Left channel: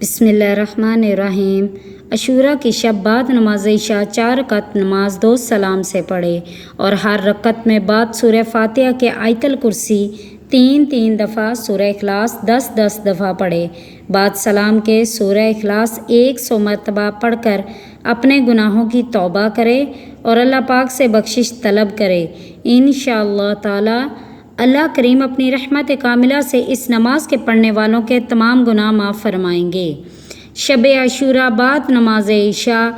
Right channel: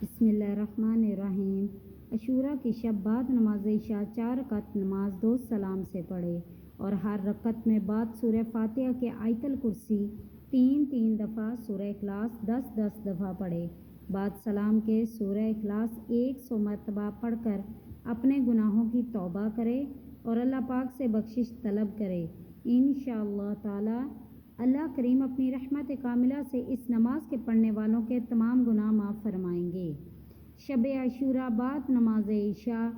بسم اللہ الرحمن الرحیم۔ عاشوراء کی شب بعد نماز عشاء 4 رکعت نماز 2 سلام سے پڑھے اور ہر رکعت میں بعد سورہ فاتحہ کے آیت الکرسی 3 دفعہ، سورہ اخلاص 10 دفعہ پڑھے۔ بعد سلام کے سورہ اخلاص 100 مرتبہ پڑھ کر اپنے گناہوں کی توبہ کرے اور اللہ پاک سے بخشش طلب کرے۔ انشاءاللہ تعالی اللہ کریم اپنی رحمت کاملہ سے اس نماز کے پڑھنے والوں کے تمام گناہ معاف فرمائیں گے۔ شب عاشوراء بعد نماز عشاء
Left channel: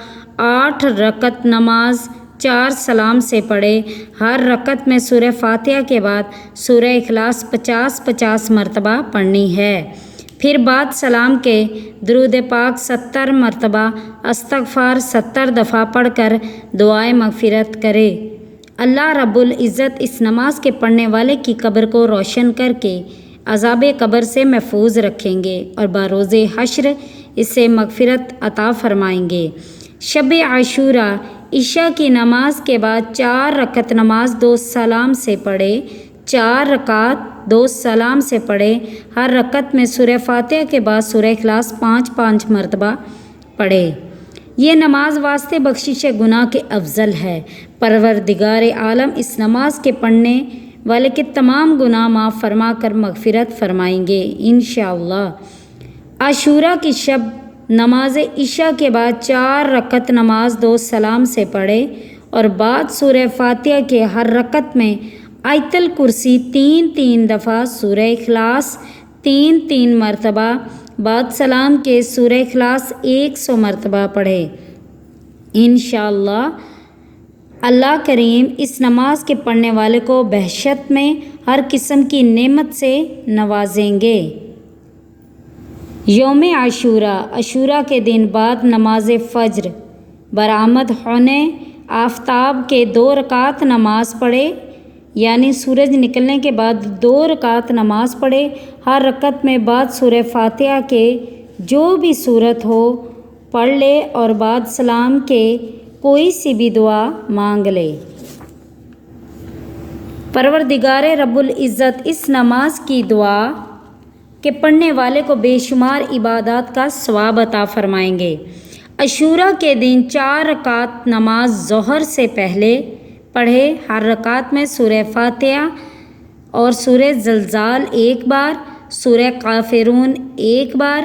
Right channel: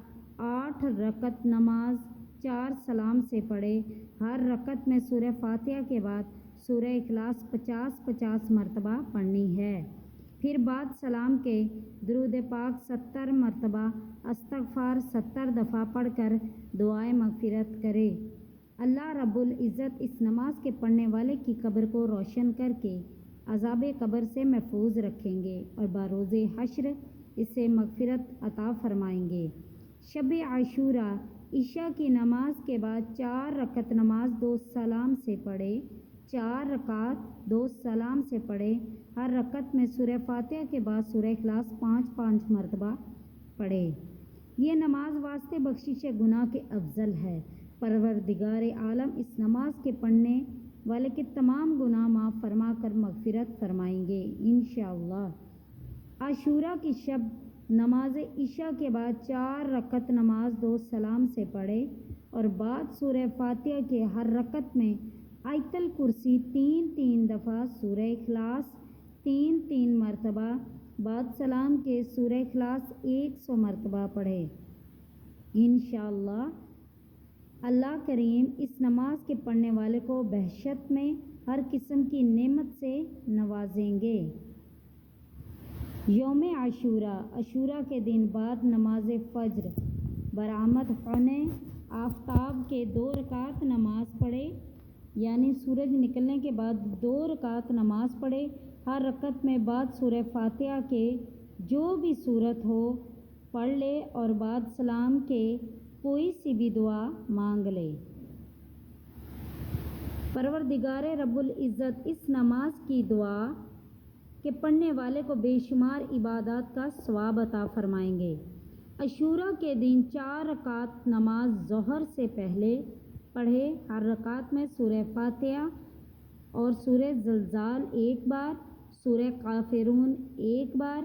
8 رکعت نماز 4 سلام سے پڑھے۔ ہر رکعت میں سورہ فاتحہ کے بعد سورہ اخلاص 50 مرتبہ پڑھنی ہے۔ پھر بعد سلام کے درود پاک 70 مرتبہ، استغفار 70 دفعہ پڑھ کر دعائے مغفرت کرے۔ اللہ رب العزت اس نماز کے پڑھنے والے کی قبر کو روشن کر کے عذاب قبر سے محفوظ رکھیں گے اور بروز حشر اسے مغفرت عطا فرمائیں گے۔ شب عاشوراء عشاء کی نماز کے بعد 4 رکعت نماز 2 سلام سے پڑھے۔ 4 رکعت 2 سلام سے پڑھے۔ ہر رکعت میں سورہ فاتحہ کے بعد سورہ اخلاص 5 مرتبہ پڑھے۔ یہ نماز واسطے بخشش گناہ کے افضل ہے۔ پروردگار عالم اس نماز کے پڑھنے والے کے تمام گناہ معاف فرما کر مغفرت فرمائیں گے انشاءاللہ۔ عاشوراء کی شب نماز عشاء کے بعد 4 رکعت نماز 2 سلام سے پڑھے اور بعد سورہ فاتحہ کے ہر رکعت میں آیت الکرسی 3 دفعہ، سورہ اخلاص 3 مرتبہ، بعد سلام کے سورہ اخلاص 100 مرتبہ پڑھے۔ انشاءاللہ اللہ کریم اس نماز کے پڑھنے والے کو بہشت میں ہر قسم کی نعمت سے نوازیں گے۔ یوم عاشوراء عاشوراء کے دن بعد نماز فجر برآمد ہونے آفتاب کے 2 رکعت نماز پڑھے، یعنی سورج نکلنے کے بعد 2 رکعت نماز پڑھے۔ ہر رکعت میں بعد سورہ فاتحہ کے جو بھی سورت ہو پڑھ لے اور بعد سلام کے کوئی سی بھی دعا مانگ لے۔ پروردگار رب العزت اس نماز کی دعا کے پڑھنے والے کو بے شمار عبادات کا ثواب عطا فرمائیں گے۔ عاشوراء کے دن 4 رکعت نماز ظہر سے پہلے پڑھے۔ ہر رکعت میں سورہ فاتحہ اور سورہ زلزال 1 بار، سورہ کافرون 1 بار،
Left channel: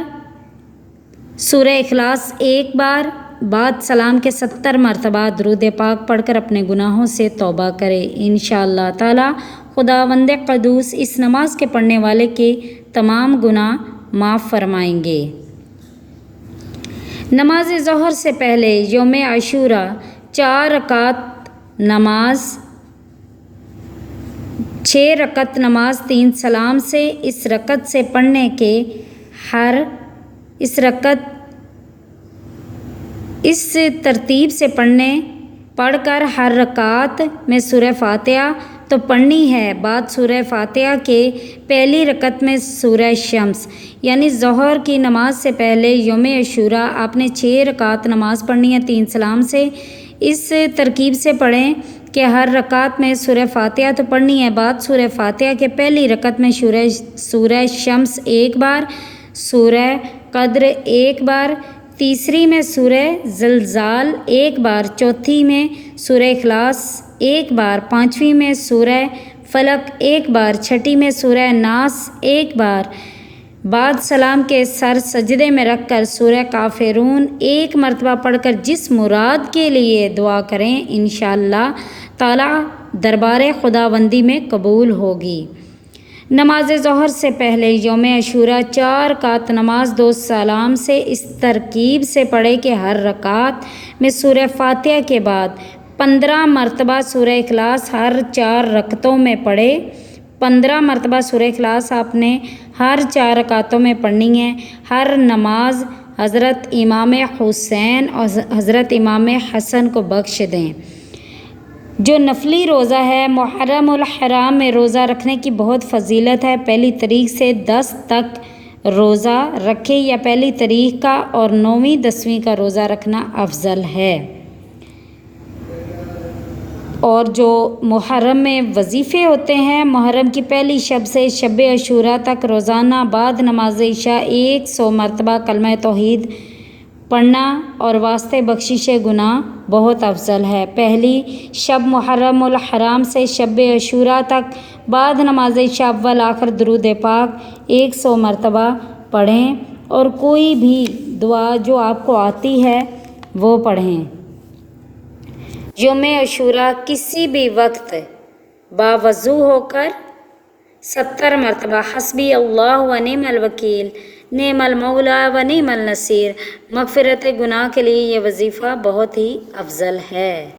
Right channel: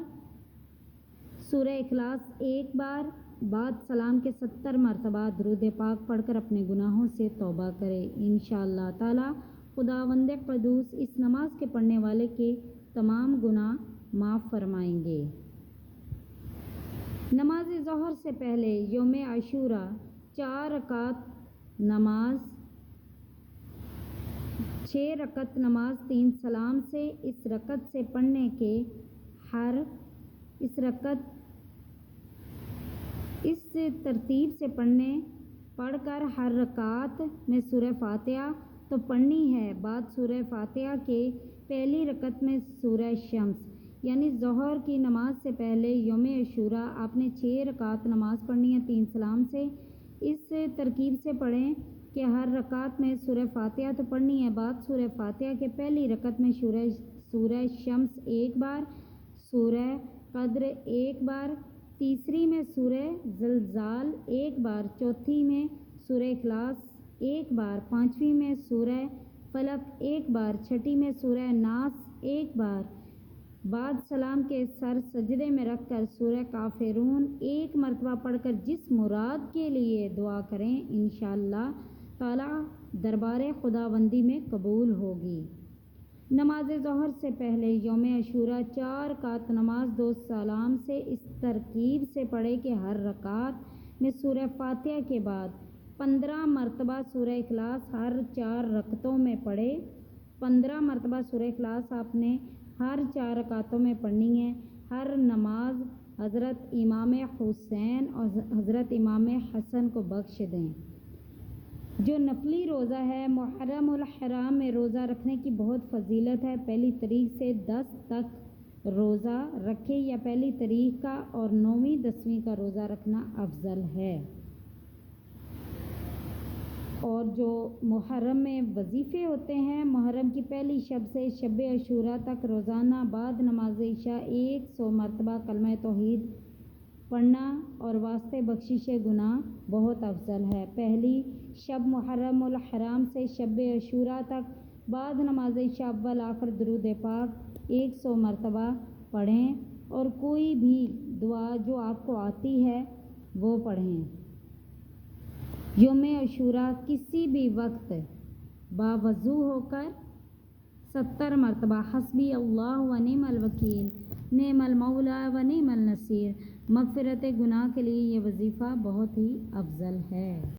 سورہ اخلاص 1 بار، بعد سلام کے 70 مرتبہ درود پاک پڑھ کر اپنے گناہوں سے توبہ کرے۔ انشاءاللہ تعالی خداوند قدوس اس نماز کے پڑھنے والے کے تمام گناہ معاف فرمائیں گے۔ نماز ظہر سے پہلے یوم عاشوراء 4 رکعت نماز 6 رکعت نماز 3 سلام سے اس رکعت سے پڑھنے کے اس ترتیب سے پڑھ کر ہر رکعت میں سورہ فاتحہ تو پڑھنی ہے۔ بعد سورہ فاتحہ کے پہلی رکعت میں سورہ شمس، یعنی ظہر کی نماز سے پہلے یوم عاشوراء آپ نے 6 رکعت نماز پڑھنی ہے 3 سلام سے۔ اس ترکیب سے پڑھیں کہ ہر رکعت میں سورہ فاتحہ تو پڑھنی ہے، بعد سورہ فاتحہ کے پہلی رکعت میں سورہ شمس 1 بار، سورہ قدر 1 بار، تیسری میں سورہ زلزال 1 بار، چوتھی میں سورہ اخلاص 1 بار، پانچویں میں سورہ فلق 1 بار، چھٹی میں سورہ ناس 1 بار، بعد سلام کے سر سجدے میں رکھ کر سورہ کافرون 1 مرتبہ پڑھ کر جس مراد کے لیے دعا کریں انشاءاللہ تعالی دربار خداوندی میں قبول ہوگی۔ نماز ظہر سے پہلے یوم عاشوراء 4 رکعت نماز 2 سلام سے اس ترکیب سے پڑھے کہ ہر رکعت میں سورہ فاتحہ کے بعد 15 مرتبہ سورہ اخلاص ہر 4 رکعتوں میں پڑھے۔ 15 مرتبہ سورہ اخلاص آپ نے ہر 4 رکعتوں میں پڑھنی ہے۔ ہر نماز حضرت امام حسین اور حضرت امام حسن کو بخش دیں۔ جو نفلی روزہ ہے، محرم الحرام میں روزہ رکھنے کی بہت فضیلت ہے۔ پہلی تاریخ سے 10 تک روزہ رکھے یا پہلی تاریخ کا اور 9ویں 10ویں کا روزہ رکھنا افضل ہے۔ اور جو محرم میں وظیفے ہوتے ہیں، محرم کی پہلی شب سے شب عاشوراء تک روزانہ بعد نماز عشاء 100 مرتبہ کلمہ توحید پڑھنا اور واسطے بخشش گناہ بہت افضل ہے۔ پہلی شب محرم الحرام سے شب عاشوراء تک بعد نماز عشاء اول آخر درود پاک 100 مرتبہ پڑھیں اور کوئی بھی دعا جو آپ کو آتی ہے وہ پڑھیں۔ یوم عاشوراء کسی بھی وقت باوضو ہو کر 70 مرتبہ حسبی اللہ و نعم الوکیل نعم المولا و نعم النصیر مغفرت گناہ کے لیے یہ وظیفہ بہت ہی افضل ہے۔